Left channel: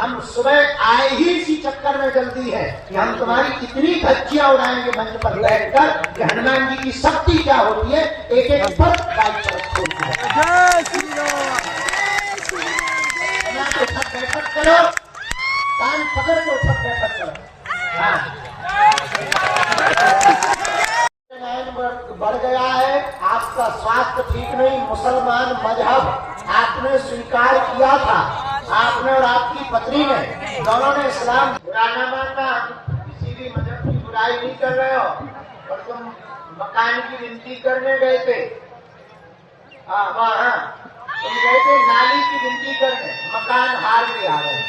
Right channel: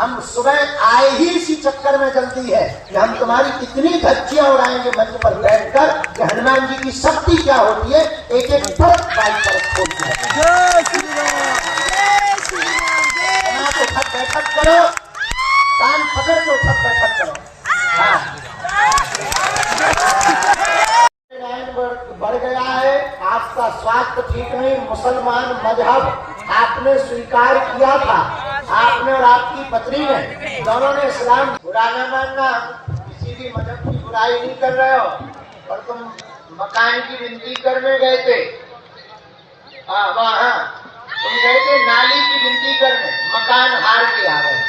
हम सुबह आए ही इसी चक्कर में जल्दी है कि हम तुम्हारी कितनी धज्जियां उड़ाएंगे मंच पर बैठकर कि हनुमान जी की शक्ति क्या होती है, एक एक फर्क बाइक पर खोलती है। तो सब बैठक करो, कान पकड़ के सब बैठक करो। हाँ बढ़ गया है, आपका स्वास्थ्य ठीक नहीं, मुसलमान मजहब आपने स्वीकार किया था, आपने और आपकी पत्नी ने, दोनों ने इस्लाम बुरा न मानना, किसी भी मजहब की बुराई नहीं कर रहे हो, और तुम मकान की विनती करने गए थे, वहाँ तुम गए थे नाली की विनती करने, मकान हार के आ गए।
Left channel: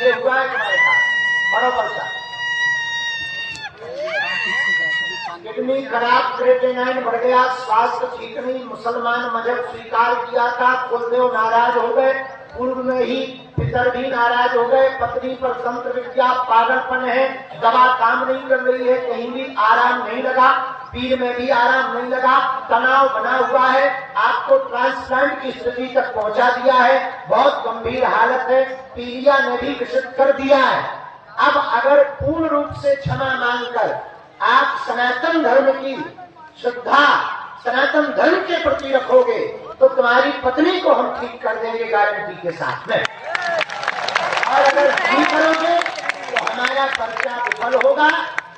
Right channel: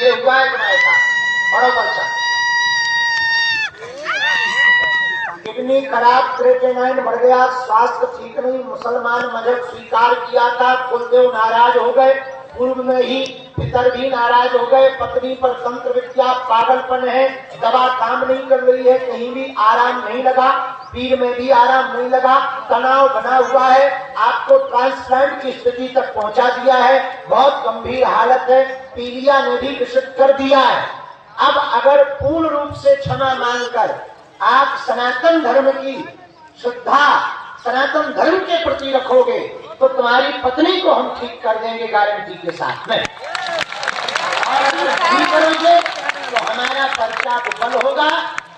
ये हुआ है तुम्हारे साथ, बड़ो बच्चा किडनी खराब, क्रिएटिनिन बढ़ गया, स्वास्थ्य ठीक नहीं, मुसलमान मजहब स्वीकार किया था, कुलदेव नाराज हो गए, पूर्व में ही पितर भी नाराज हो गए, पत्नी पर तंत्र विद्या पागलपन है, दवा काम नहीं कर रही है, कहीं भी आराम नहीं लगा, पीर में भी आराम नहीं लगा, तनाव बना हुआ है, आपको ट्रांसप्लांट की स्थिति तक पहुंचा दिया है, बहुत गंभीर हालत है, पीलिया ने भी विषित कर दिया है। अब अगर पूर्ण रूप से क्षमा मांगकर आप सनातन धर्म की श्रद्धा सनातन धर्म के प्रति रखोगे तो तुम्हारी पत्नी को हम ठीक कर देंगे गारंटी के साथ में, और अगर नहीं करोगे तो हमारा पर्चा विफल होगा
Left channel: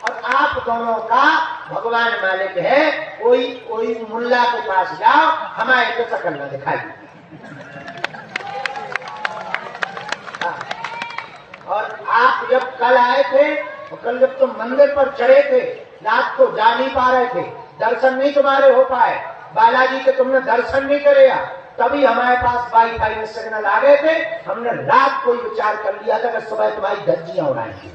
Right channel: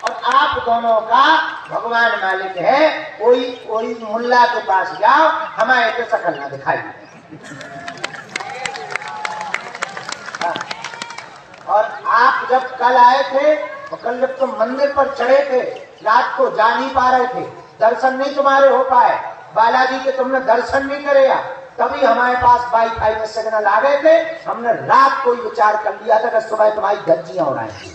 और आप दोनों का भगवान मालिक है। कोई मुल्ला के पास जाओ, हमारे को शकल न दिखाई। और आप जब कल आए थे, तो कल जब तुम मंदिर पर चढ़े थे, रात को जा नहीं पा रहे थे, दर्शन नहीं तुम्हारे हो पाए, बालाजी के तुमने दर्शन नहीं करे, तभी हमारे पास वाईफाई में सिग्नल आ गए थे, हमने रात को ही विचार कर लिया था कि सुबह तुम्हारी धज्जियां उड़ाएंगी।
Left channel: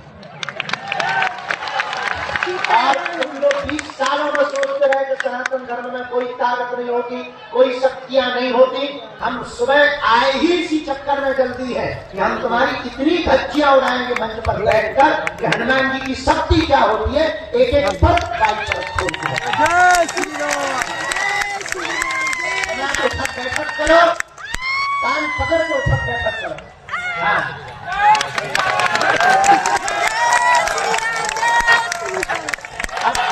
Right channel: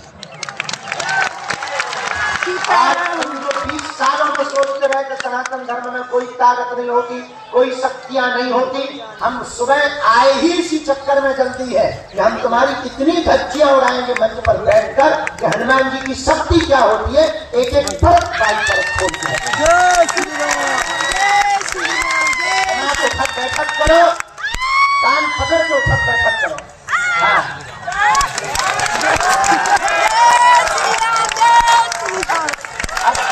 और तुम जो 20 सालों में सोचते रहे कि सनातन धर्म में कोई ताकत नहीं होती, कोई शक्तियां नहीं होती, हम सुबह आए ही इसी चक्कर में जल्दी है कि हम तुम्हारी कितनी धज्जियां उड़ाएंगे मंच पर बैठकर कि हनुमान जी की शक्ति क्या होती है, एक एक फर्क बाइक पर खोलती है। तो सब बैठक करो, कान पकड़ के सब बैठक करो। हाँ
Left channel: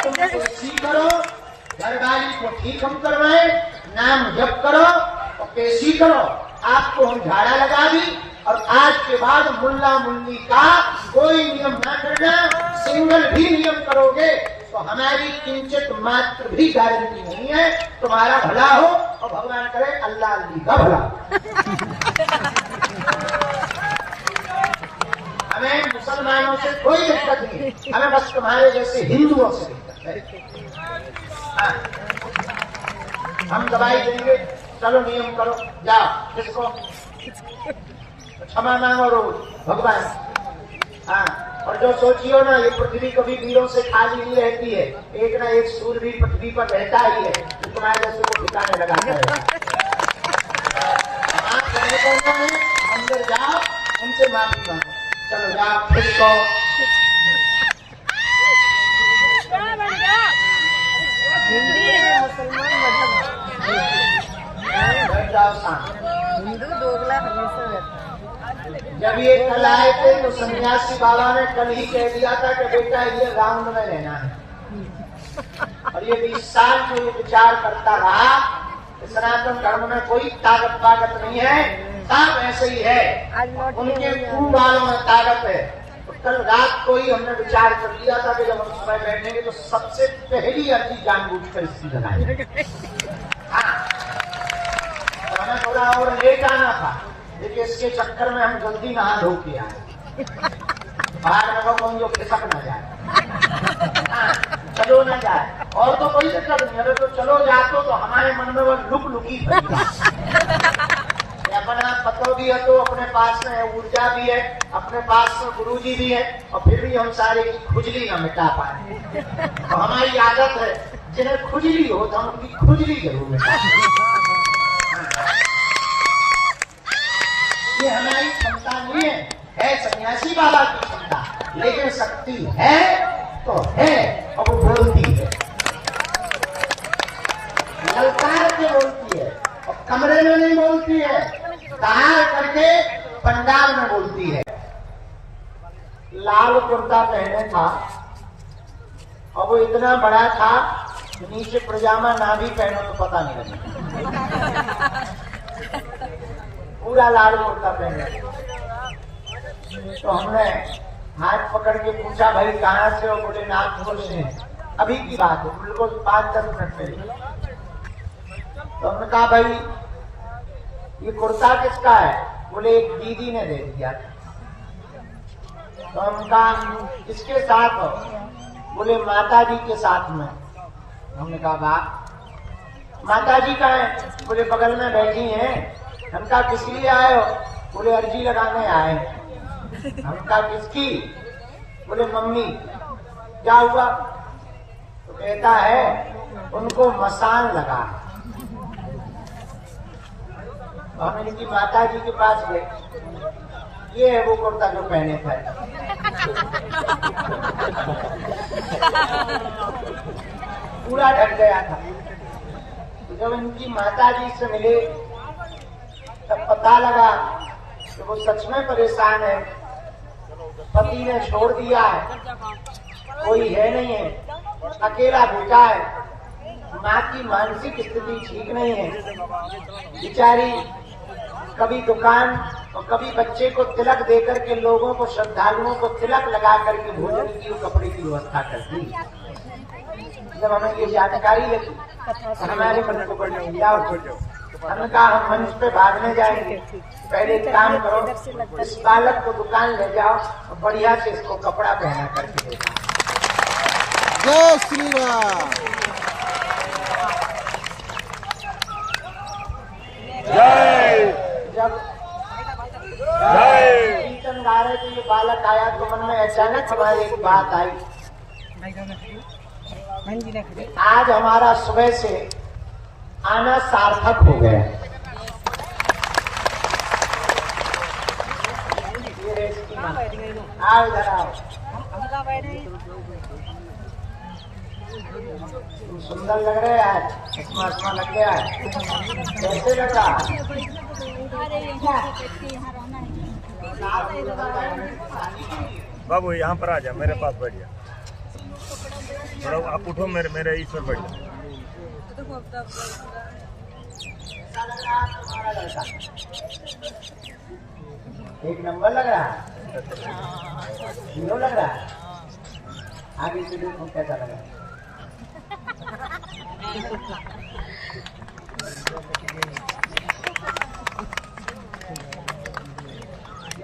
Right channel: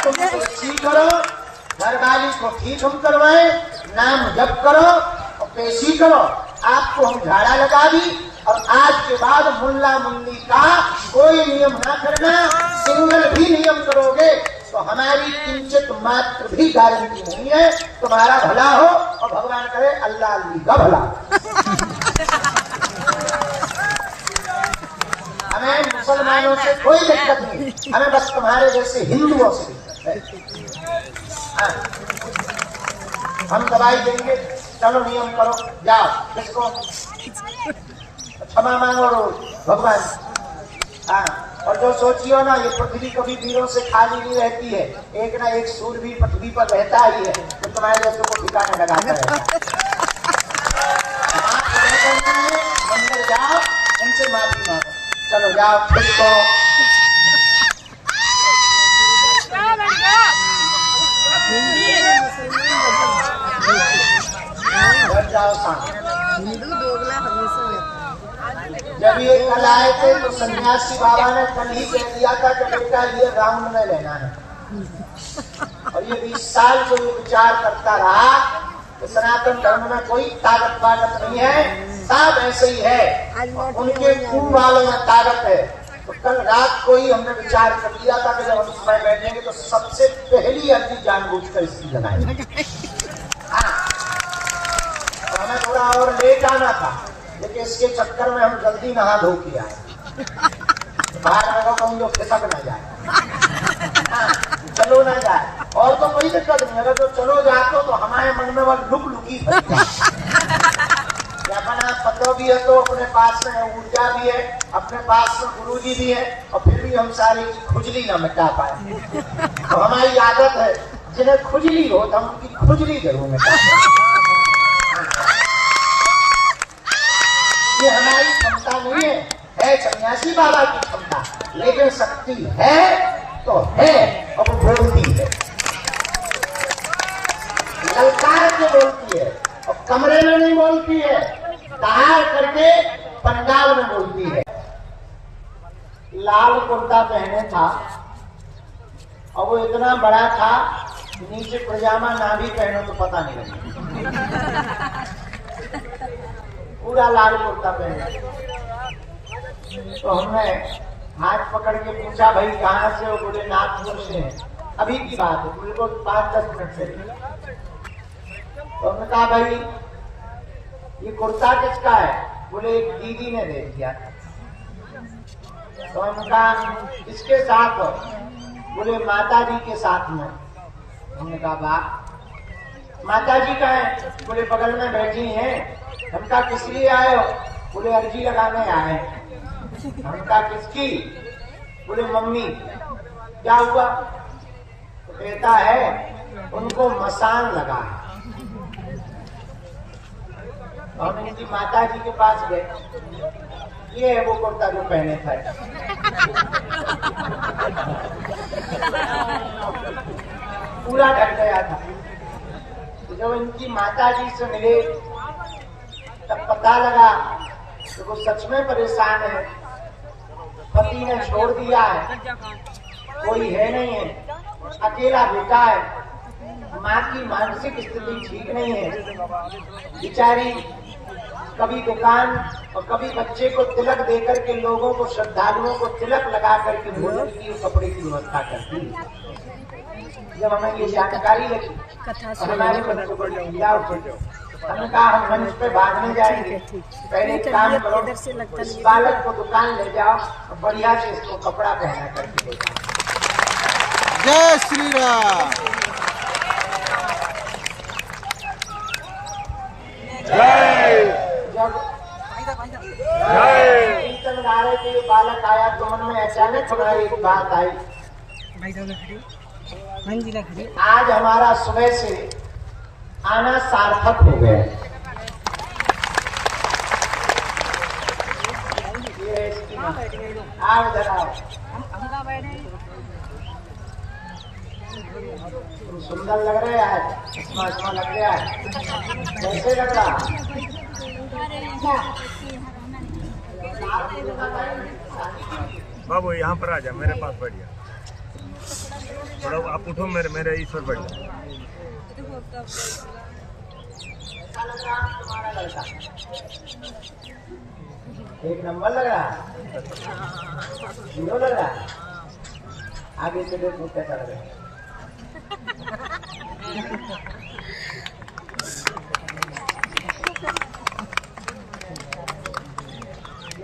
तुम ठीक करो, घरवाली को ठीक हम करवाए, नाम जप करो और कैसी करो, आपको हम झाड़ा लगा दी, और आज के बाद मुल्ला मुल्ली का कोई नियम ना करना, सिंगल भी नियम करोगे तो हमारी किंचित मात्र भी गारंटी नहीं है तुम्हारा भला हो, और भगवान करे अल्लाह अल्ली का भला। हमें मुसलमानों से कोई दिक्कत नहीं, हमें बस तुम्हारे जैसे हिंदुओं से दिक्कत है। हम दवाई देंगे, चलो नियम करो, जाओ, किसको क्षमा मांगो रोज भगवान। हाँ, और जो सोचियो ना, ये पृथ्वी कभी वीरों से खाली नहीं रहती है, एक ना एक सूरवीर पृथ्वी पर रहता ही है जो तुम्हारे जैसे को ठिकाने लगाता रहता है। मंदिर जाओ, उनसे माफी मांगो, चलो जाओ, किसको जाओ हिंदू दोगला हमेशा रहता है। जब ये कल आए थे तो सन्यासी बाबा ने कल ही कह दिया था कि बेटा ये राउंड में रहना है, और ये 20 साल से ये विचार करता रहा कि सनातन धर्म में कोई ताकत वाकत नहीं है, सब ऐसे ही है, उनके कुंभ वालों में ताकत है। तो कल रात को ही हमने विचार कर लिया था कि जब हम सुबह बैठेंगे तो सबसे पहली अर्जी जानबूझकर इसकी बनाएंगे। हमें थोड़ा और लेट आना था, लेकिन इसके चक्कर में हम जल्दी नहा धो के आए, बाहर में कहूँ जो खिसक न जाए, चलो ना जाए, और तो कोई दिक्कत नहीं, अगर तो चलो जाते तो हमारे मन में वो लुक लुकी अपना पतो भी है, तो अपने पास में ऊर्जा भी है, अपने पास में गुरुजी भी है, और फिर भी हम सारे की खुजली न मिटा पाए। तो हमारी आदत है जिन्हें खुजली हो तो हम उनकी खुजली जरूर मिटा। ये हमारी क्षमता नहीं है सन्यासी बाबा की क्षमता, लेकिन शक्ति है तो है, और वो बोलती है, ललकार के बोलती है, और कमरे में नहीं बोलती है, बाहर करके पंजाब में बोलती है। लाल कुर्ता पहने था और वो इतना बड़ा था, नीचे पजामा ना भी पहनो तो पता नहीं लगेगा। पूरा लाल कुर्ता पहने। तो हमने हाथ पकड़ के पूछा, भाई कहाँ से हो? बोले नागपुर से हैं। अभी की बात है, बिल्कुल 5-10 मिनट पहले। तो हमने कहा, भाई ये कुर्ता किसका है? बोले एक दीदी ने दे दिया। तो हमने कहा किसके साथ हो? बोले माता जी के साथ में। हमने कहा वाह, माता जी कहाँ है? बोले बगल में बैठी हैं। हम कहा किस लिए आए हो? बोले अर्जी लगाने आए। हम कहा किसकी? बोले मम्मी। क्या हुआ? तो कहता है उनको मसान लगा है। तो हम इनकी माता जी के पास गए। ये है वो कुर्ता जो पहने थे। पूरा ढक गया था। तो जब इनकी माता जी से मिले तब पता लगा कि वो सच में परेशान है। पति ने छोड़ दिया है, कोई है नहीं है, अकेला बेटा है। माँ की मानसिक स्थिति ठीक नहीं है। बेचारी कभी दुकान और कभी बच्चे को तिलक देकर के लोगों को, श्रद्धालुओं को तिलक लगा करके भोजन की और कपड़े की व्यवस्था करती है। जब हमें ये जानकारी लगी तो हमारे बच्चों को लिया। हमने कहा हम मंच पे भागने जाएंगे, पहले एक काम करो, इस बालक को दुकान ले जाओ और बढ़िया से इसको कपड़ा पहना करके देता। जय श्री राम। जब कीर्तन गा रहे थे, ये बालक आया तो मन में अचानक हमारी एक बात आई। आज हमारा सुबह से आना सार्थक हो गया। आओ इधर आओ। तुम सुंदर लग रहे हैं आज, चश्मा लग गया है। कैसे लग रहा? बाबू यहाँ पर आ जा, मेरे पास बैठ जा। आप उठो, मेरे इस पर बैठ जाओ। कैसा लग रहा है तुम्हारा लड़का? एक नंबर लग रहा है, हीरो लग रहा है। आगे से देखो कैसा लग रहा है।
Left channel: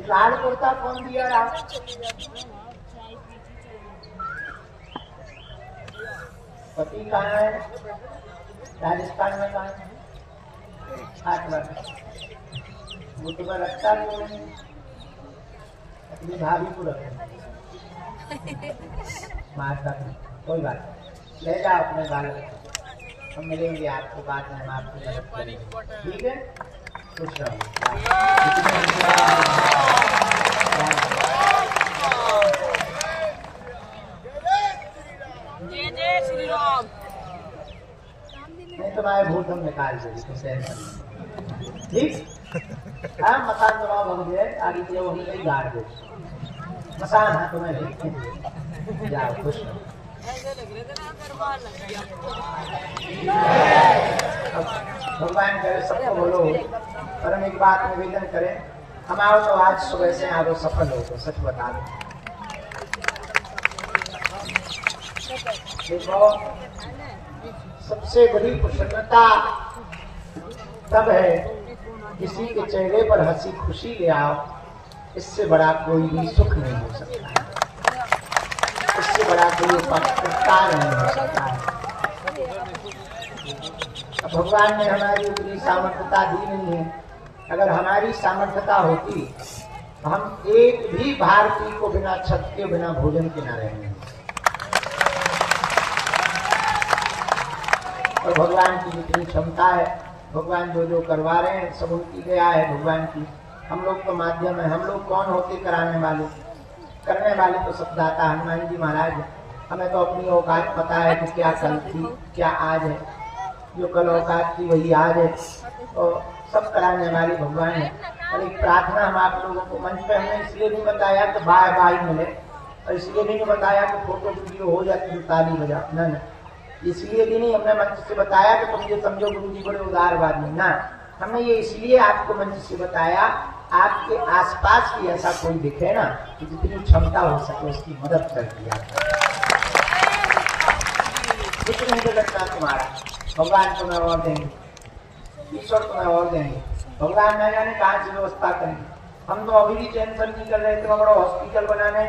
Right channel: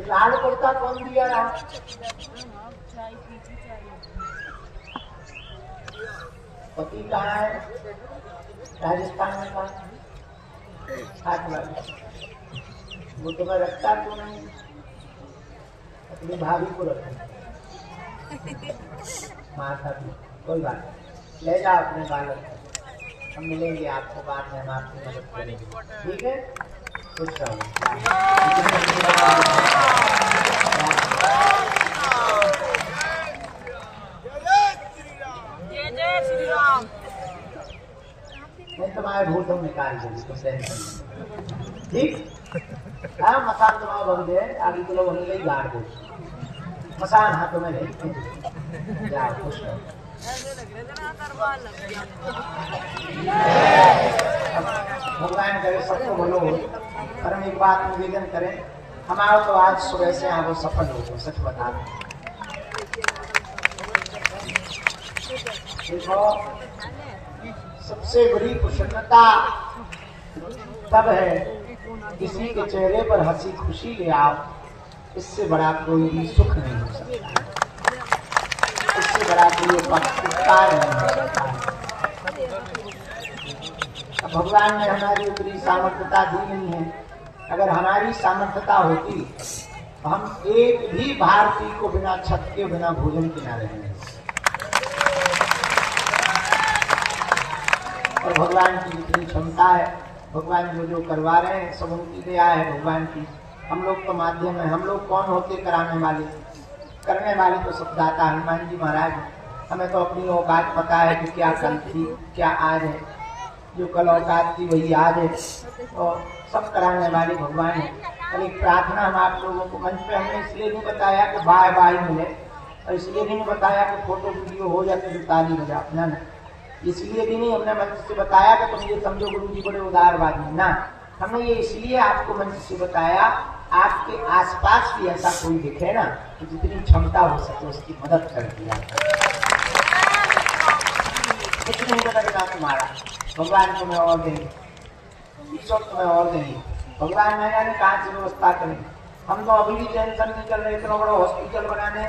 लाल कुर्ता कौन दिया रहा? पति कहाँ है? राजस्थान में कहाँ है? वो तुम्हें रखता क्यों नहीं? अपनी भाभी को रखो। माता की कोई बात नहीं, ले जाओ अपने बालक को। हम मिलेंगे आपको बाद में, हम आपकी मदद करेंगे। ठीक है, खुश रहो। जय श्री राम। नहीं तुम्हारे भूत हम निकाल देंगे, तुम टेंशन। ठीक, हाँ मकान तुम्हारा बन गए, आगे के लोग हमें गाड़ दो। मकान हाँ तुम्हें नहीं, जाओ खुश रहो। भगवान करे सबको बोलो, पर हम एक बात निवेदन करें, हम आओ तो आज सुबह से आओ सफल हो गए, सच बता दें। देखो सबसे बड़ी प्रसन्नता तब है किसी के चेहरे पर हंसी खुशी ले आओ, इससे बड़ा कोई भी सुख नहीं हो सकता, इससे बड़ा कोई उपकार नहीं हो सकता है। भगवान ने हमारी उतनी सामर्थ्यता दी नहीं है। अगर हमारी सामर्थ्यता होती तो हम एक भी भारतीय को बिना छत के, बिना भोजन के ना रहेंगे। और भगवान की जितनी क्षमता है, भगवान जो जो करवा रहे हैं सब उनकी दया है भगवान की। हम लोग तो माध्यम है, हम लोग कौन होते कराने वाले, करने वाले तो सब दाता हनुमान जी महाराज है। हमें तो अपनी औकात पता है कि क्या कल थी क्या आज है, जो कल औकात थी वही आज है, तो सब कराने वाले भगवान है। और एक प्रार्थना हम आप लोगों को मंच पे हमने इसलिए नहीं बताया कि बाय बाय मिले, और इसलिए भी नहीं बताया कि फोटो वीडियो हो जाती तो ताली बजा, ना इसलिए भी नहीं हमने मंच से बताया कि तुम ये समझो गुरु जी बड़े उदारवादी, ना, हमने ये इसलिए आपको मंच से बताया आपके आसपास भी ऐसा कोई दिखे ना कि जितनी क्षमता हो सके उसकी मदद कर दिया। कुछ नहीं बदलना तुम्हारा, भगवान तुम्हें और देंगे, ईश्वर तुम्हें और देंगे, भगवान न जाने कहाँ से व्यवस्था करेंगे। हम तो अभी भी टेंशन नहीं कर रहे, इतना बड़ा हॉस्पिटल बनाने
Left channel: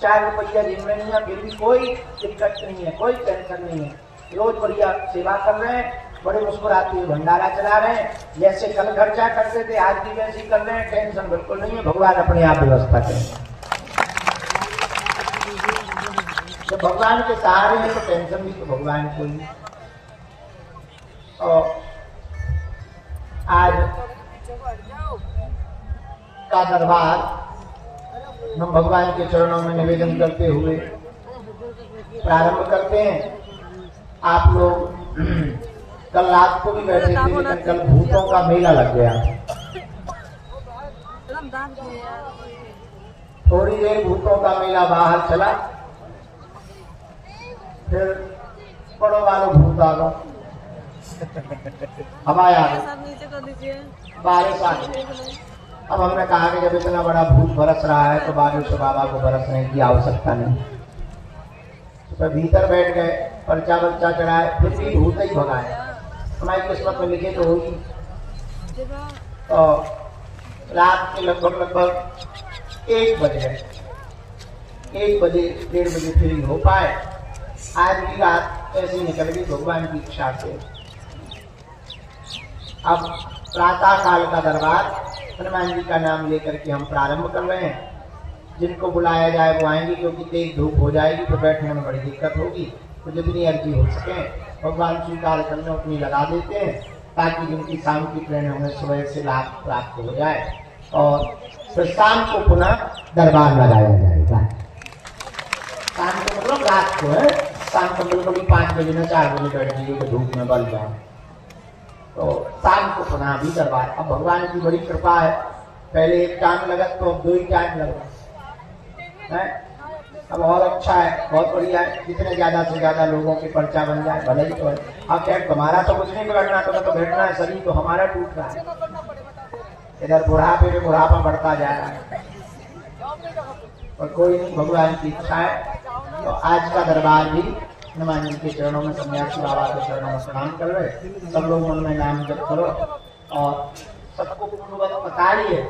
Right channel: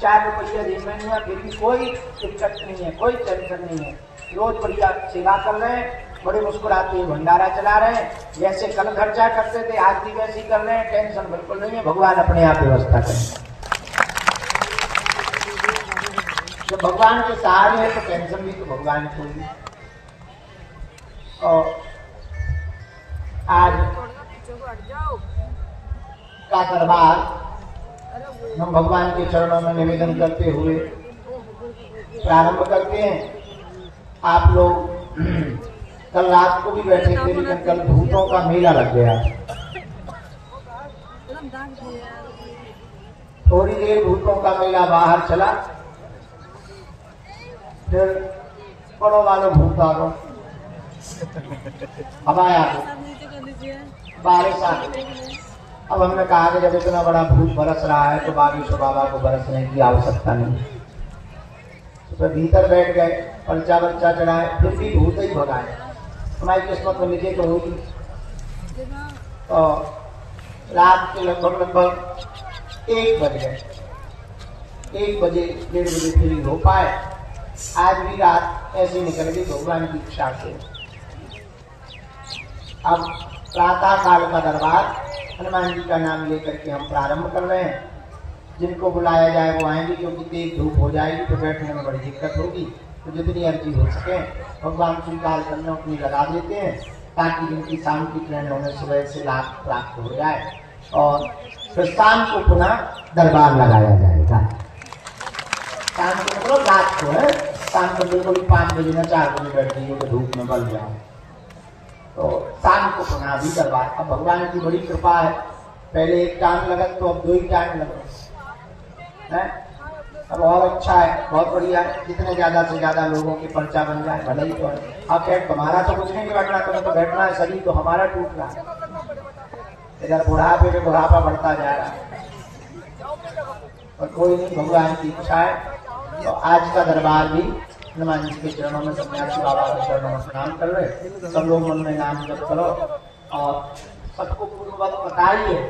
4 रुपया दिन में नहीं है, फिर भी कोई दिक्कत नहीं है, कोई टेंशन नहीं है, रोज बढ़िया सेवा कर रहे हैं, बड़े मुस्कुराते हुए भंडारा चला रहे हैं, जैसे कल खर्चा करते थे आज भी वैसे ही कर रहे हैं, टेंशन बिल्कुल नहीं है, भगवान अपने आप व्यवस्था करेंगे। जब भगवान के सहारे हैं तो टेंशन भी तो भगवान को ही। और आज का दरबार हम भगवान के चरणों में निवेदन करते हुए प्रारंभ करते हैं। आप लोग कल रात को भी बैठे थे, लेकिन कल भूतों का मेला लग गया। थोड़ी देर भूतों का मेला बाहर चला, फिर पड़ो वालों भूत आ गो, हवाया बारिश आ गई। अब हमने कहा कि जब इतना बड़ा भूत बरस रहा है तो बागेश्वर बाबा को बरसने की आवश्यकता नहीं, तो भीतर बैठ गए, पर्चा वर्चा चढ़ाए, फिर भी भूत ही भगाए। हमारी किस्मत में लिखे तो होगी। तो रात के लगभग 1 बजे 1 बजे 1:30 बजे फ्री हो पाए। आज भी रात ऐसी निकल गई भगवान की इच्छा से। अब प्रातः काल का दरबार हनुमान जी का नाम लेकर के हम प्रारंभ कर रहे हैं। जिनको बुलाया जाए वो आएंगे, क्योंकि तेज धूप हो जाएगी तो बैठने में बड़ी दिक्कत होगी, तो जितनी अर्जी हो सके भगवान स्वीकार करने उतनी लगा देते हैं, ताकि जिनकी शाम की ट्रेन होने सुबह से लाभ प्राप्त हो जाए। और फिर शाम को पुनः दरबार लगाया जाएगा। शाम को मतलब रात को है, शाम को बिल्कुल 5 बजे न 4 बजे बैठ जाइए तो धूप में बल जाओ, तो शाम को पुनः भी दरबार। अब भगवान की बड़ी कृपा है, पहले 1 टाइम लगा तो अब 2 ही टाइम लगा है। अब और अच्छा है, बहुत बढ़िया है, जितने ज्यादा से ज्यादा लोगों की पर्चा बन जाए भले ही तो है। अब खैर तुम्हारा तो कुछ नहीं बैठना, तुम्हें तो बैठना है, शरीर तो हमारा टूट रहा है, इधर बुढ़ापे में बुढ़ापा बढ़ता जा रहा है, और कोई नहीं, भगवान की इच्छा है। तो आज का दरबार भी हनुमान जी के चरणों में, सन्यासी बाबा के चरणों में प्रणाम कर रहे। सब लोग मन में नाम जप करो और सबको पूर्ववत बताइए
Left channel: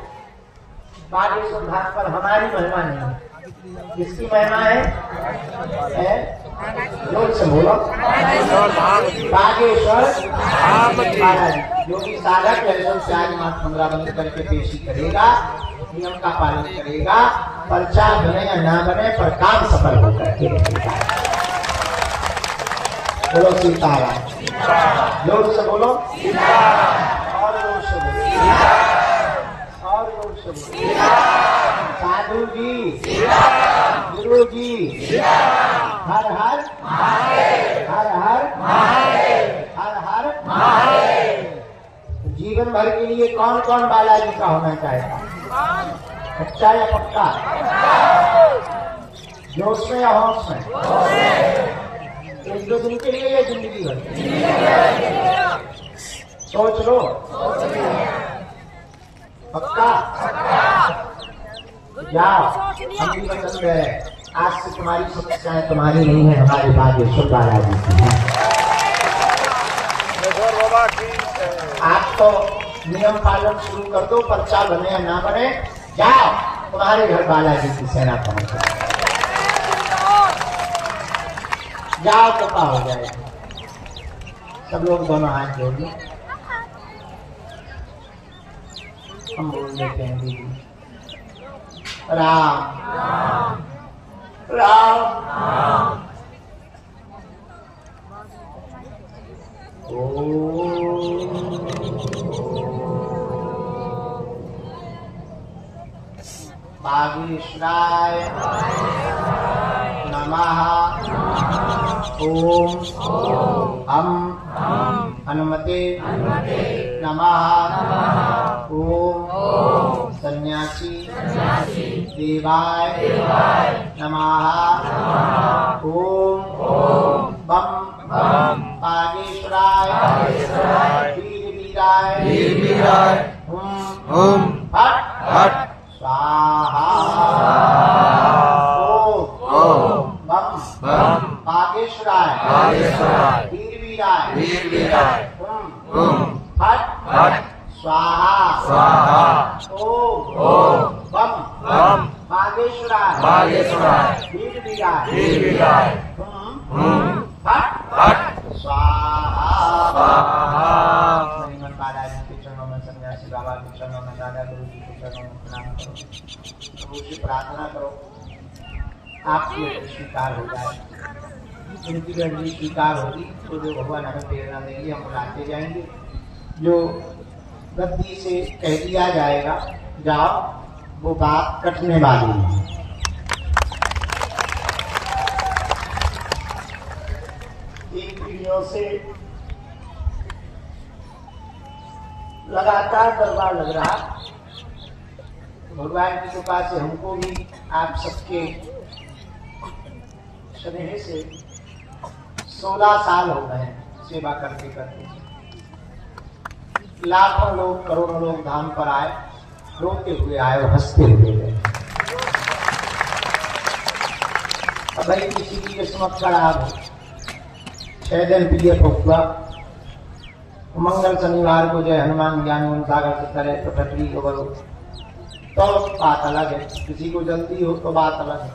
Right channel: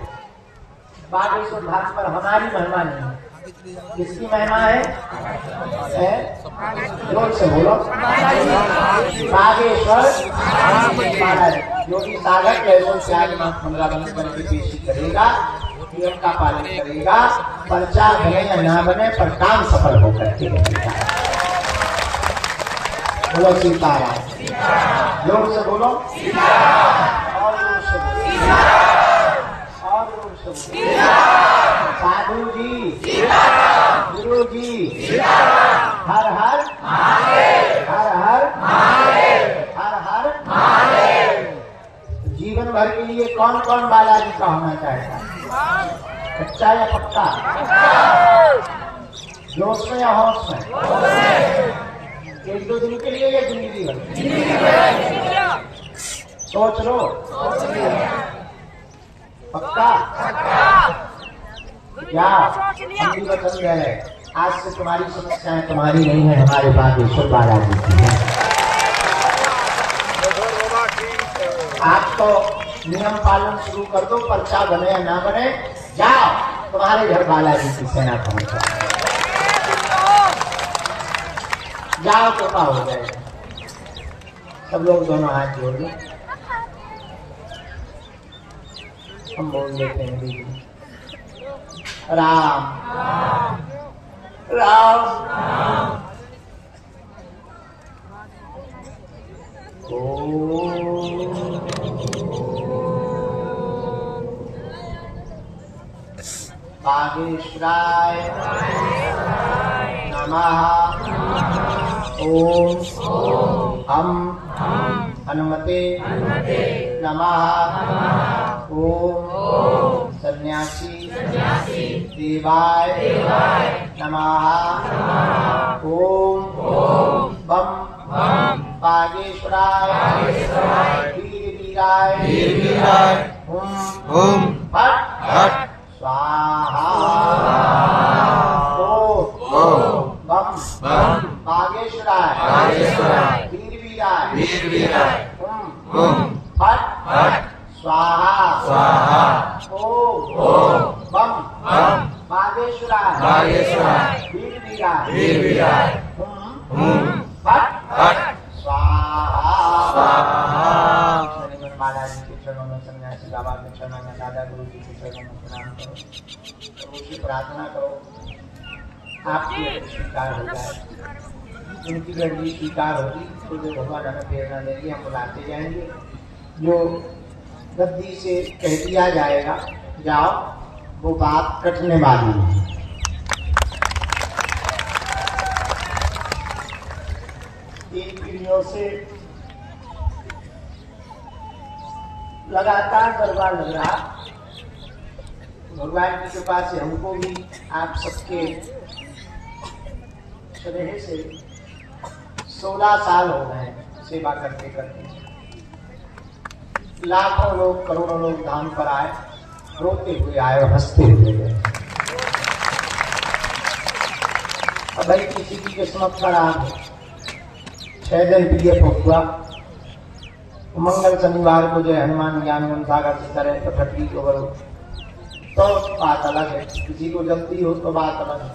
बागेश्वर घाट पर हमारी महिमा नहीं है, किसकी महिमा है? जोर से बोलो, बागेश्वर बालाजी। जो भी साधक लहसुन प्याज मांस 15 बंद करके पेशी करेगा, नियम का पालन करेगा, पर्चा बने या ना बने पर काम सफल होकर के रहेगा। बोलो सीताराम, जोर से बोलो, और जोर से बोलो, और जोर से बोलो। साधु जी, गुरु जी, हर हर हर हर हर हर। जीवन भर के लिए कौन कौन बालाजी का होना चाहेगा? सच्चा या पक्का? जोश में या होश में? 1-2 दिन के लिए या जिंदगी भर? सोच लो, पक्का? जाओ, हम भी वचन दे रहे, आज से तुम्हारी समस्याएं तुम्हारी नहीं है, हमारे बागेश्वर बालाजी की है। आज तो नियम पालन शुरू कर दो, पर्चा बने या ना बने, जाओ तुम्हारे घर बालाजी की सेना पहुंच जाए, जाओ कृपा हो जाएगा। सब लोग दोनों हाथ जोड़ लो, हम बोल देते हैं दीदी राम राम बागेश्वराय नमः। ओम हम हनुमते नमः। ओम सन्यासी देवाय नमः। ओम बम बागेश्वराय वीराय ओम हट स्वाहा। ओम बम बागेश्वराय वीराय ओम हट स्वाहा। ओम बम बागेश्वराय वीराय ओम हट स्वाहा। श्रीमन बाला जी के चरणों में, सन्यासी बाबा के चरणों में, दादा गुरु जी के चरणों में प्रणाम करो। प्रभु से प्रार्थना करो आपकी स्वीकार हो जाए। जिनकी गणनी स्वीकार होगी तो जो भगवान हमें प्रेरणा देंगे हम बुलाते जाएंगे। जो गद्दी से कह दिया जाएगा जाओ, वो बात कटने वाली है। तीन पीढ़ियों से लगातार दरबार लग रहा। भगवान की कृपा से हमको भी आप सबके स्नेह से 16 साल हो गए सेवा करते करते। लाखों लोग, करोड़ों लोग धाम पर आए, रोते हुए आए और हंसते हुए गए। अब भाई किसी की किस्मत खराब है, 6 दिन पीएफ हुआ, मंगल शनिवार को जय हनुमान ज्ञान सागर से करे तो ठटरी को करो तो बात अलग है। किसी को जल्दी हो तो बात अलग है,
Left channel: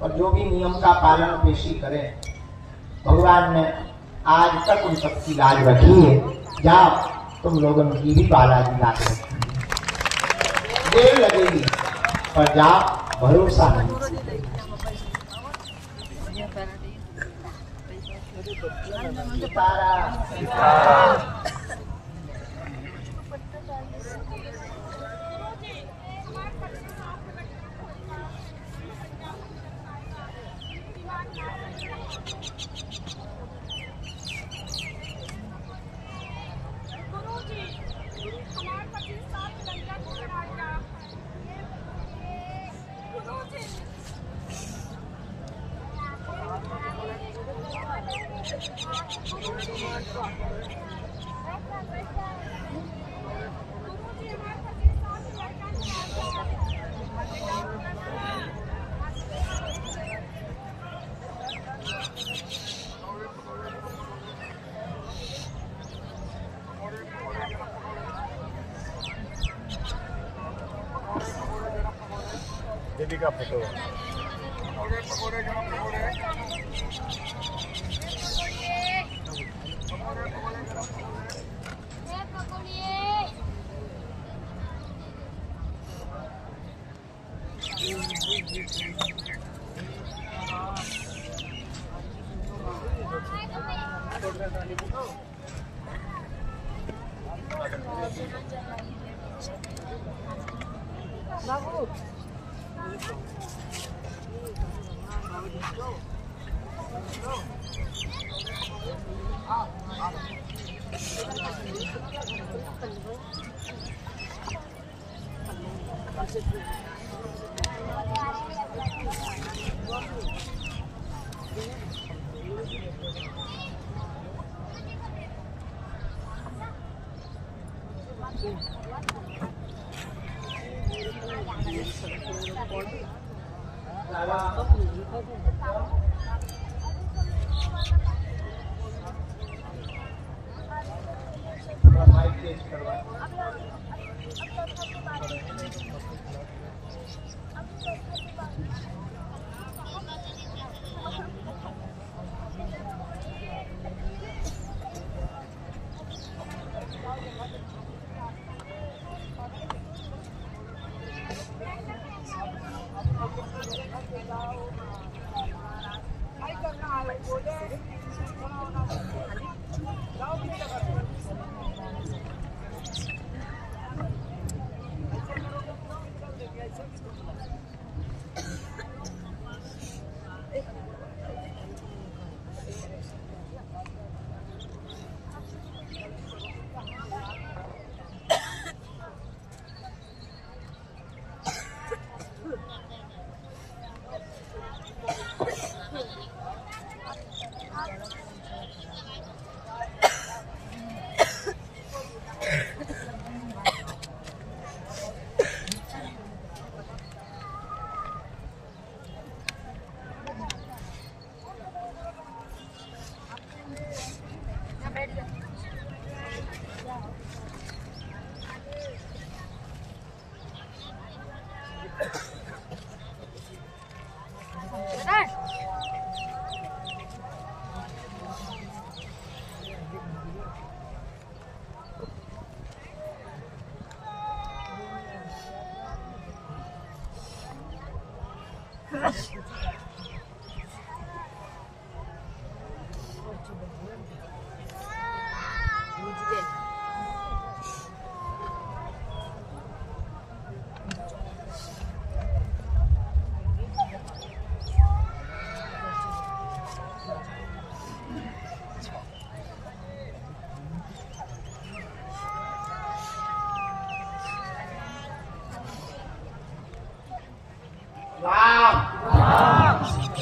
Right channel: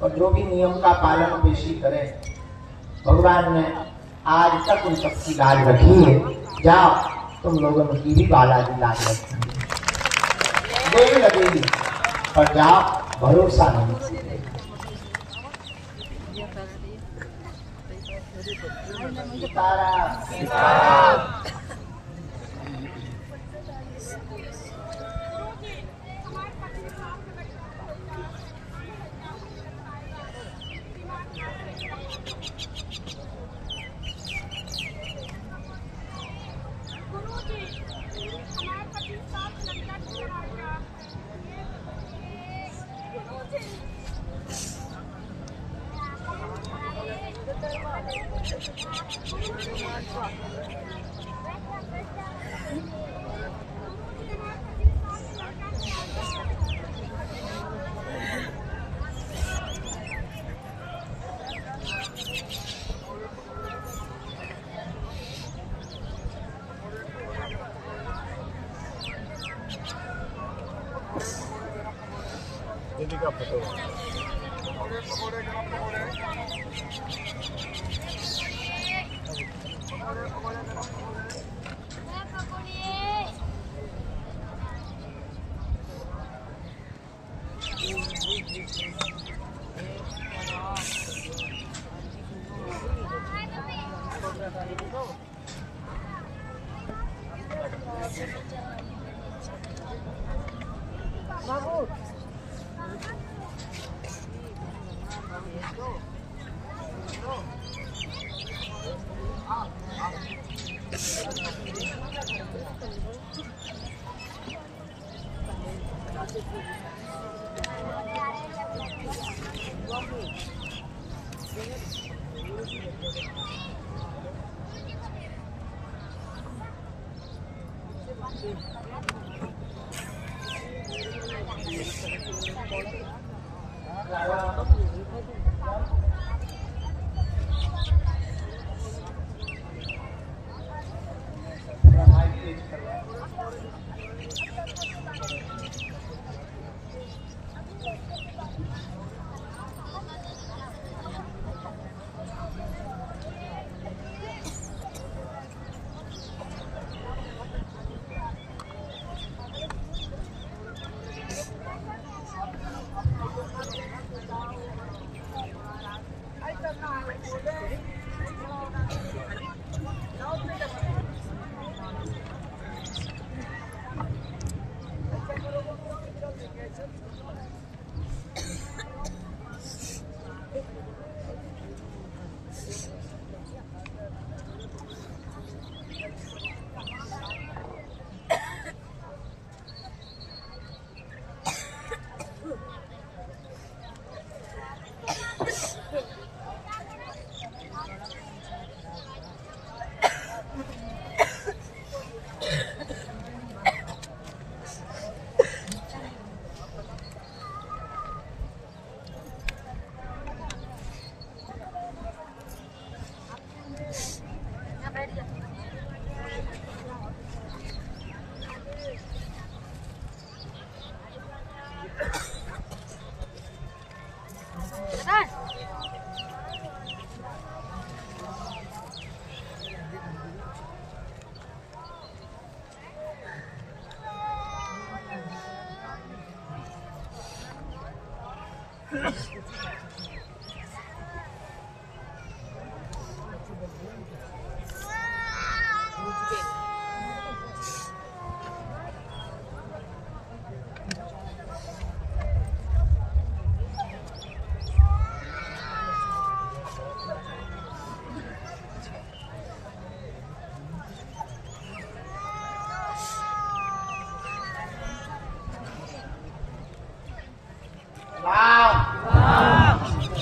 पर जो भी नियम का पालन पेशी करे, भगवान ने आज तक उन सबकी लाज रखी है। जाओ तुम लोगों की भी बालाजी लाज रखी, देर लगेगी पर जाओ, भरोसा नहीं। सीताराम दीदी का फोटो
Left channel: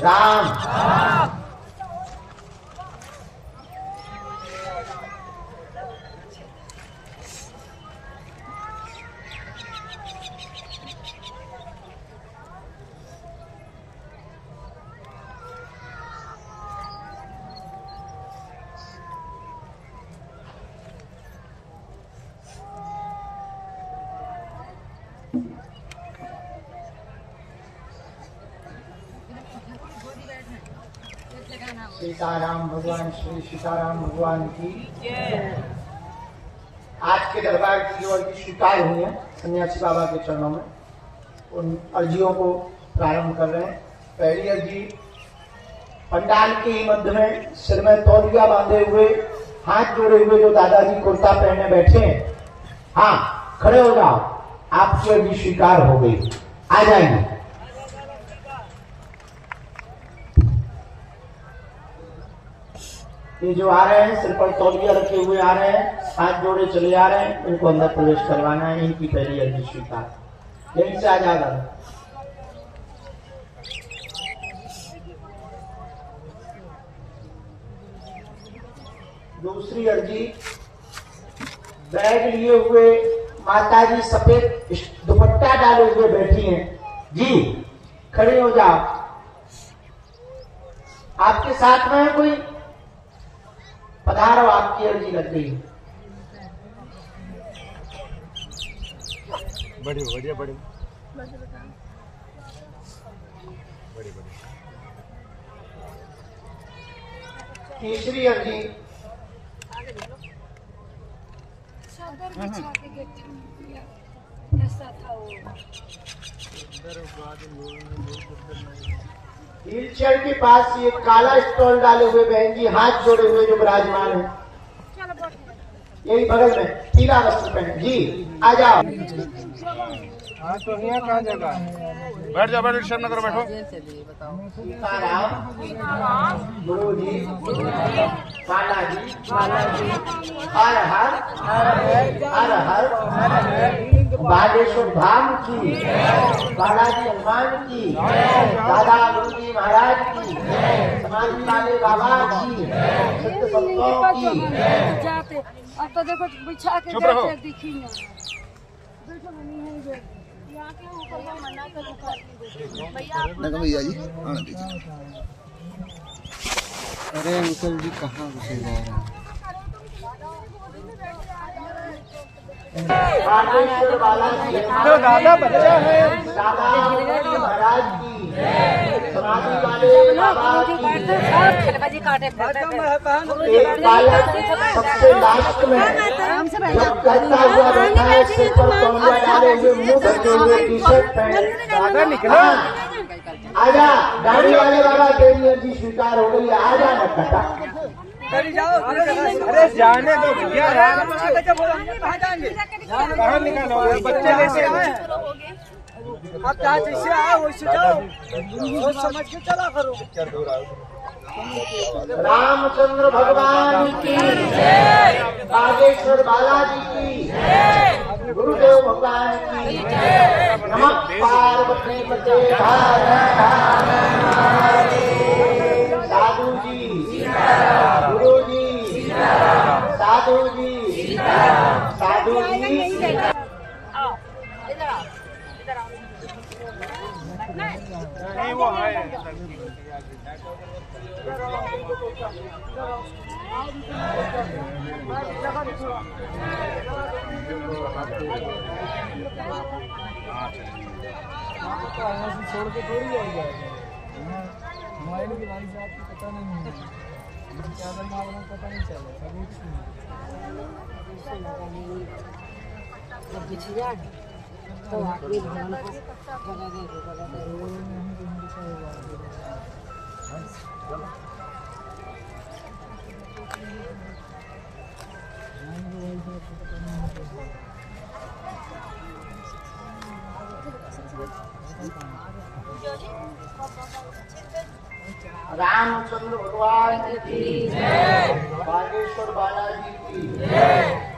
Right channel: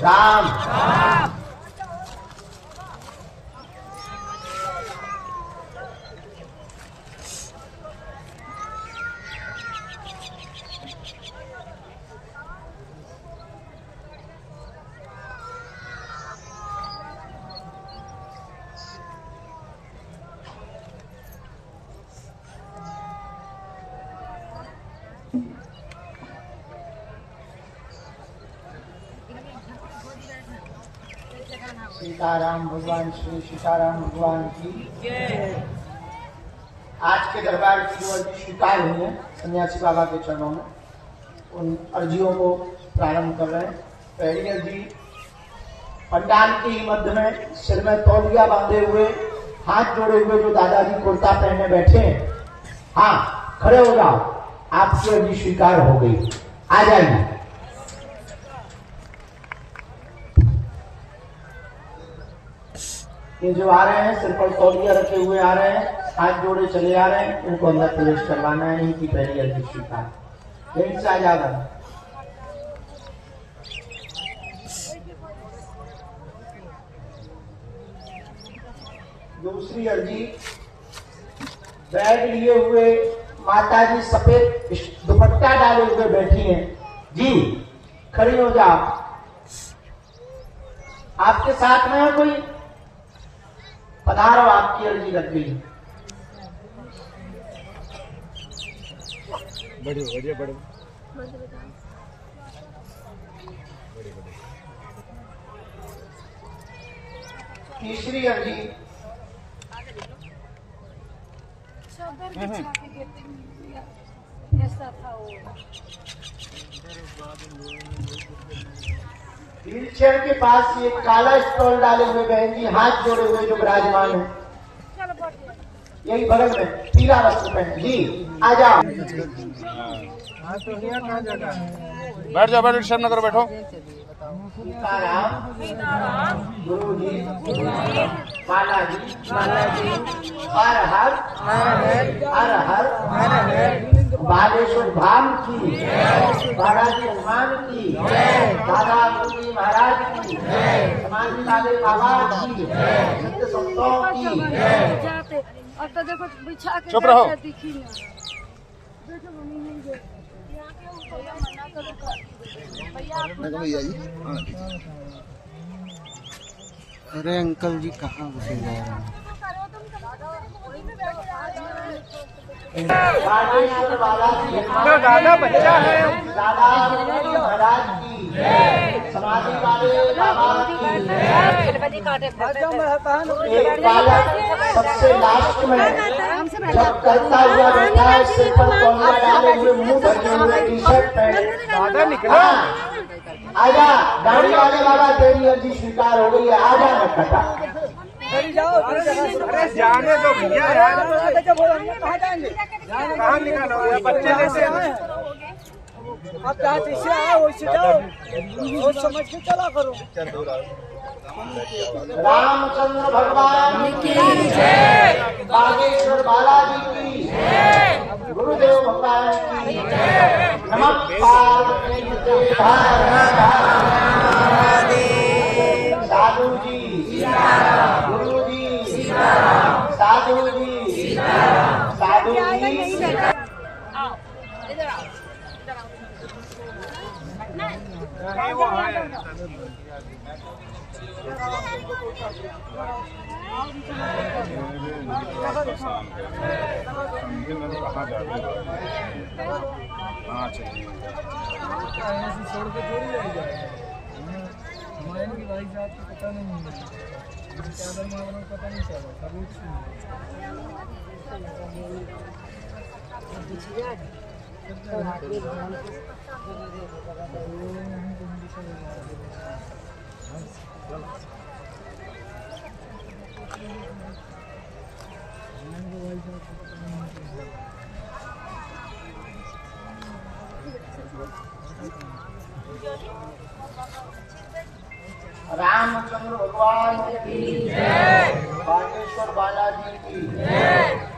राम सीताराम भगवान श्री सीताराम भगवान की आज के दरबार की जो अर्जी स्वीकार हुई है सन्यासी बाबा के चरणों में, उन अर्जियों को प्रारंभ कर रहे हैं। पहली अर्जी पंडाल के ही मध्य में सिर में तौलिया बांधे हुए, हाथ जोड़े हुए जो दादाजी कुर्ता पहने बैठे हैं, हाँ खड़े हो जाओ, आपकी अर्जी स्वीकार हो गई, आ जाएंगे। ये जो आ रहे हैं सिर पर तौलिया रखे हुए आ रहे हैं, हाथ जोड़े चले आ रहे हैं, इनको अंदर प्रवेश करवाना है। इनकी पहली अर्जी स्वीकार, यहीं से आ जाएगा। दूसरी अर्जी बैग लिए हुए माताजी सफेद दुपट्टा डाले हुए बैठी हैं जी, खड़ी हो जाओ। आपके साथ में है कोई? पधारो, आपकी अर्जी लग गई। बढ़िया बढ़िया तीसरी अर्जी व्हील चेयर के पास ये काला स्टॉल डाले हुए बहन जी, हाथ जोड़े हुए जो विराजमान है, यही बगल में पीला वस्त्र पहने जी, आ जाओ। हाँ तो यहाँ कहाँ जगह? बैठ जाओ, बैठ शर्म न करो, बैठो। सीताराम गुरु जी, काला जी, हर हर हर हर बालेश्वर धाम की, बालाजी हनुमान की, बाबा गुरु जी महाराज की, समाधि वाले बाबा की, सत्य संतों की। अब तो देखो बिछा के चुप रहो। दिखी ना, देखो मम्मी नहीं जो यहाँ के ऊपर का मना करो भैया जी। अरे अंकल जी कहाँ घुसे जा रहे हैं? बागेश्वर बालाजी दादा बच्चा है। दादा महाराज की, समाधि वाले बाबा की। एक बालक सबसे लास्ट में जब करता हुआ बैठा है, सिर पर तौलिया डाले हुए, मुंह ढके हुए, टी शर्ट पहने। आजा गाड़ी वाले बाबा, तेरी अर्जी स्वीकार हो गई है, आजा नटखटा। अरे जाने दो भैया, कहाँ जाएंगे? कहाँ निकालो? बच्चे कैसे आए हैं? आप जहाँ जैसे आए वैसे जाओ, सोच समझ के चला करो। रामचंद्र भगवान की, बागेश्वर बालाजी की, गुरुदेव भगवान की। नमः पार्वती मते साधु जी, गुरु जी, साधु जी, साधु जी। छोड़ के थोड़ी जाएगा, हमारे की भाई साहब को पता नहीं है, चादर मारना पता नहीं चला कभी। रामचंद्र भगवान की जय, बागेश्वर बालाजी की जय।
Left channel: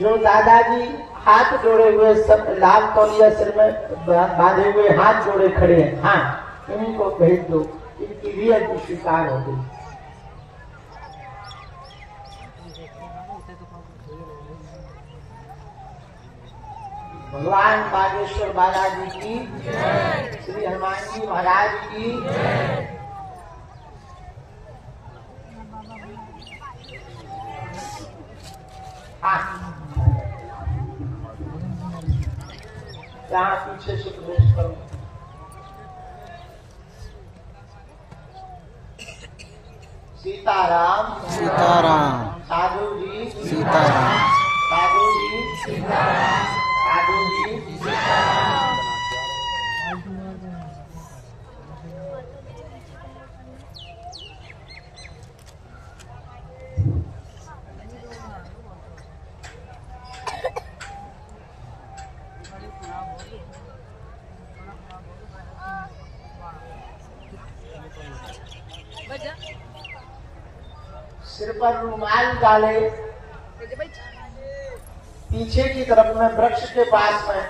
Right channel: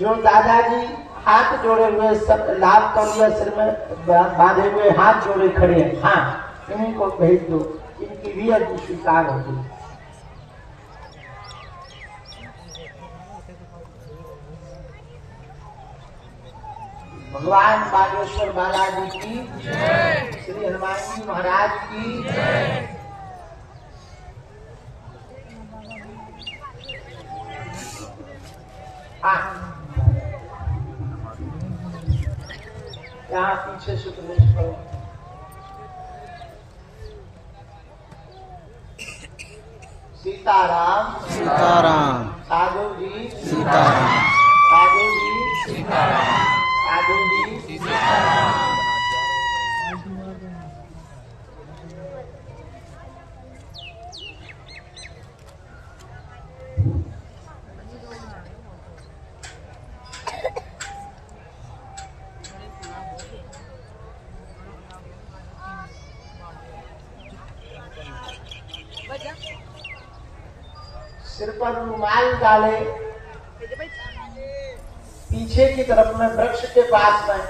जो दादाजी हाथ जोड़े हुए सब लाल तौलिया सिर में बांधे हुए हाथ जोड़े खड़े हैं, हाँ इन्हीं को भेज दो, इनकी भी अर्जी स्वीकार हो गई। भगवान बागेश्वर बालाजी की जय, श्री हनुमान जी महाराज की जय। यहाँ पीछे से प्रवेश करो। सीताराम सीताराम साधु जी सीताराम साधु जी सीताराम साधु जी सीताराम। सिर पर रुमाल डाले, पीछे की तरफ में वृक्ष के पास में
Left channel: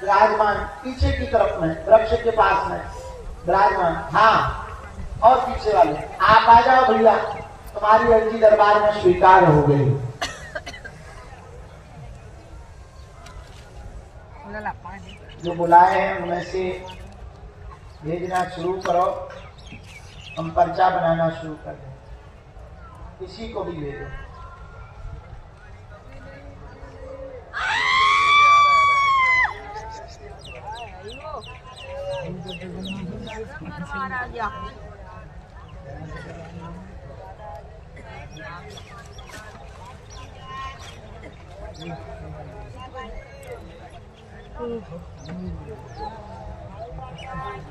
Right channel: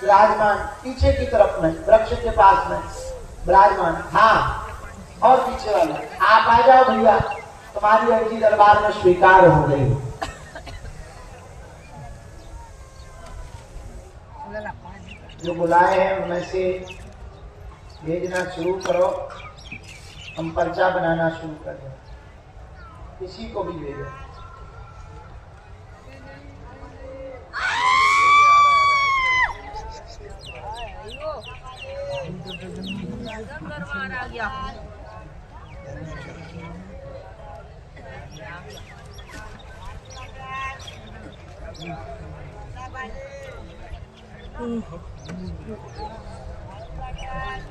विराजमान, पीछे की तरफ में वृक्ष के पास में विराजमान, हाँ और पीछे वाले आप आ जाओ भैया, तुम्हारी अर्जी दरबार में स्वीकार हो गई। जो बुलाए हैं उनमें से भेजना शुरू करो, हम पर्चा बनाना शुरू कर दो, किसी को भी ले दो। आ गया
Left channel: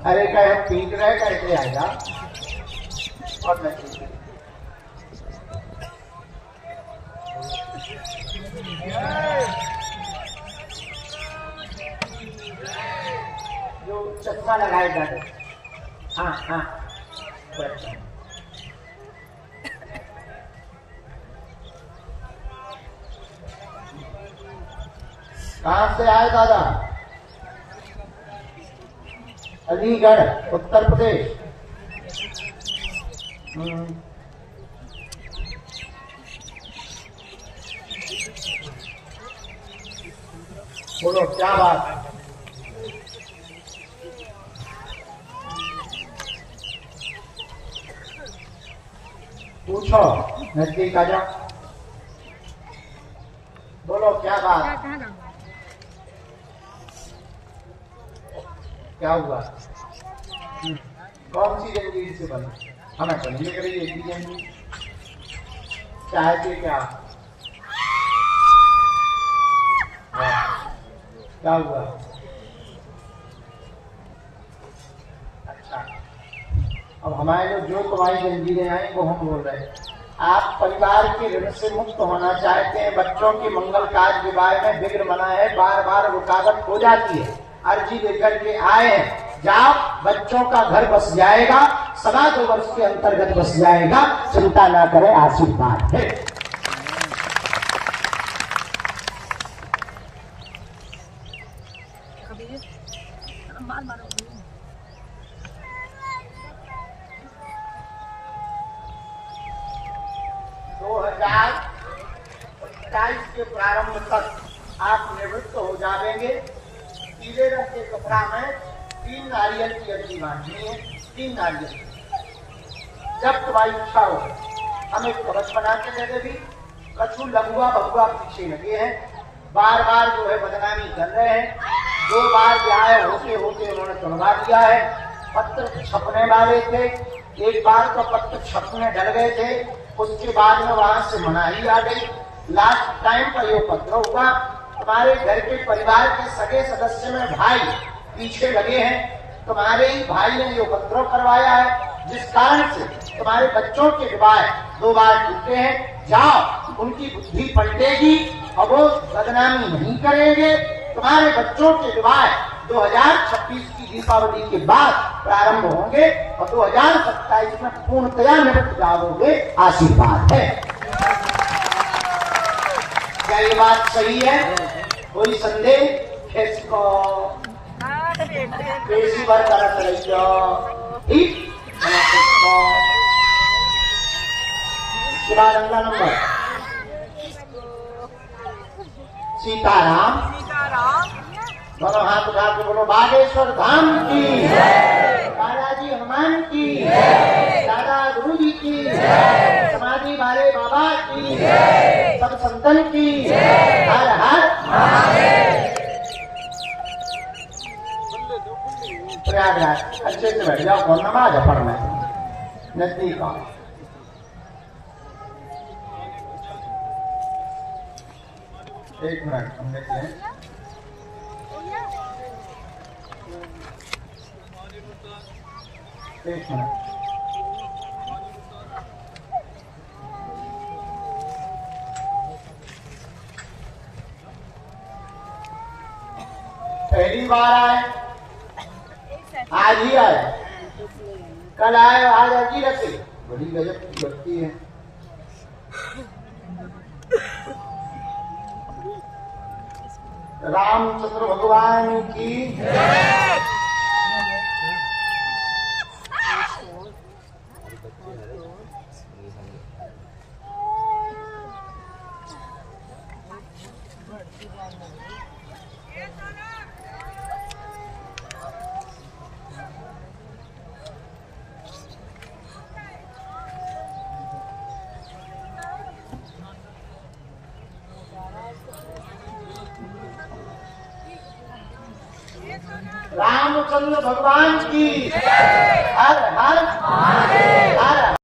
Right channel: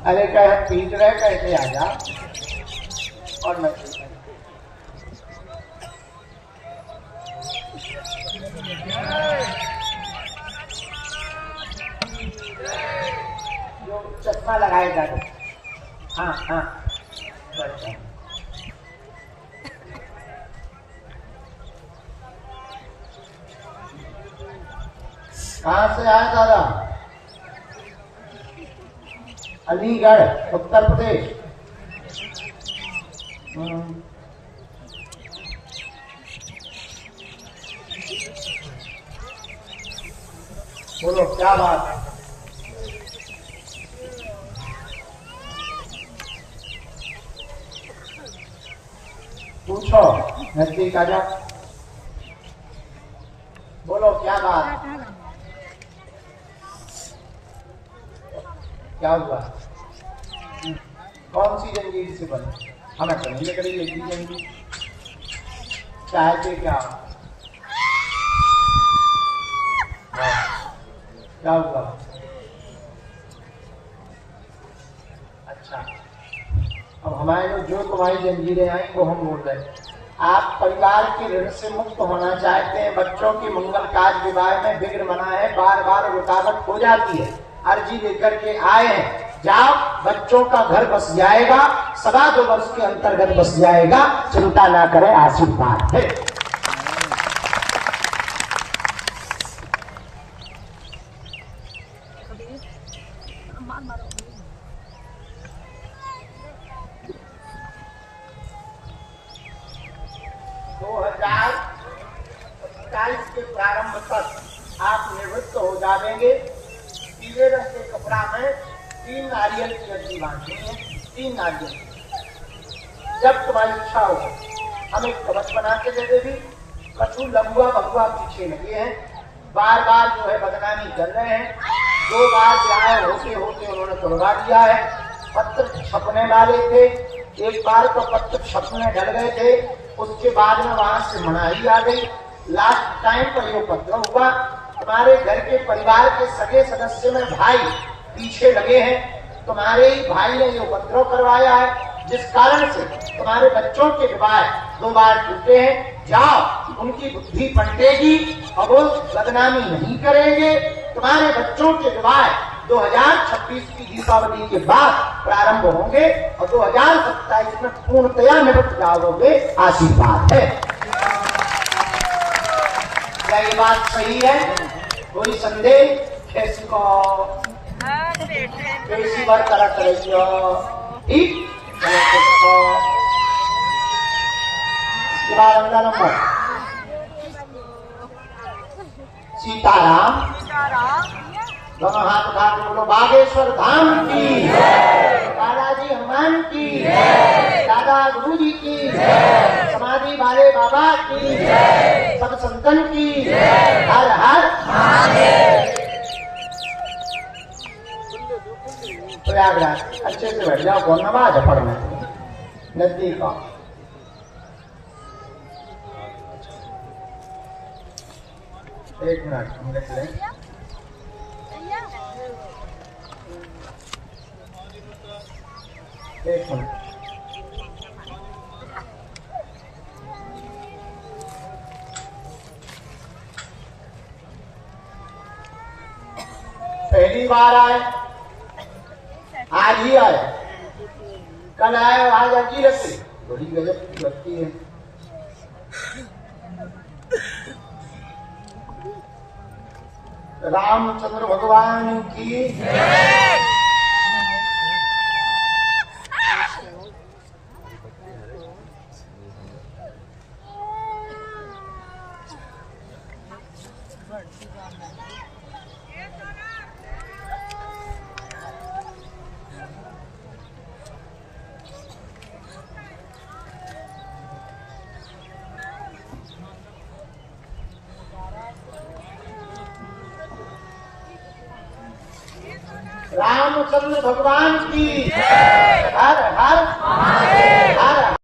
अरे क्या पीट रहे कैसे आ जा और मैं जो चश्मा लगाए जा रहे, हाँ हाँ कहाँ से आए दादा? अलीगढ़ उत्तर प्रदेश। बोलो क्या बात? पूछो, नजदीक आ जाओ, बोलो क्या बात? क्या हुआ? कौन सी जंजीर से बनी? हमें समझिए करेगी एक ही जंजीर, चाहते क्या? क्या हुआ? अच्छा, अब हमारे लोग जो तुम्हारी जंजीरें आई वो हम बोल रहे हैं। आप परिवार के ऋण से मुक्त होना चाहते हैं, बच्चों के मंगल कार्य विवाह में विघ्न बना है, बार बार रुकावट हो जाती है, अर्जी लेकर के आए हैं, जाओ बच्चों का घर बस जाएगा, 2.25 वर्ष के अंतर्गत बस जाएगा, चिंता ना करें, आशीर्वाद है। के प्रारंभ तक आप निवृत्त हो जाएंगे। पीले रंग के कपड़ा में 3 नारियल की अर्जी बांधनी है, 3 नारियल। जब तुम्हारी इच्छा हो हमें कवच बना के दे देगी। कछु लघुआ बगुआ पीछे लगे हैं, बार बार जो है बदनामी कर रहे हैं, 2 बार ब्याह होते होते उन्होंने तोड़वा दिया है। पत्र छपने वाले थे, एक बार तो पत्र छप में डल गए थे, उसके बाद में वहां से मनाही आ गई। लास्ट टाइम पर यो पत्र हुआ, तुम्हारे घर के परिवार के सगे सदस्य में भाई पीछे लगे हैं, तुम्हारे ही भाई ने यो पत्र करवाया है, जिस कारण से तुम्हारे बच्चों के विवाह 2 बार टूटे हैं। जाओ, उनकी बुद्धि पलटेगी और वो बदनामी नहीं करेंगे। तुम्हारे बच्चों के विवाह 2026 की दीपावली के बाद प्रारंभ होंगे और 2027 में पूर्णतया निवृत्त जाओगे। आशीर्वाद है। क्या ये बात सही है? कोई संदेह? कैसी को कैसी बार करा चलो ठीक। इसके बाद अगला नंबर सीताराम। दोनों हाथ उठा के बोलो बागेश्वर धाम की, बालाजी हनुमान की, दादा गुरु जी की, समाधि वाले बाबा की, सब संतन की, हर हर प्रयागराज। अच्छे से बैठ जाओ, कौन नमाज है पढ़ना नजदीक आओ। एक मिनट हम देख लें। एक मिनट। पहली बार आए, आज ही आए, कल आए, आज अजी रहते। बड़ी गजब की व्यक्ति है। रामचंद्र भगवान की रामचंद्र भगवान की हर हर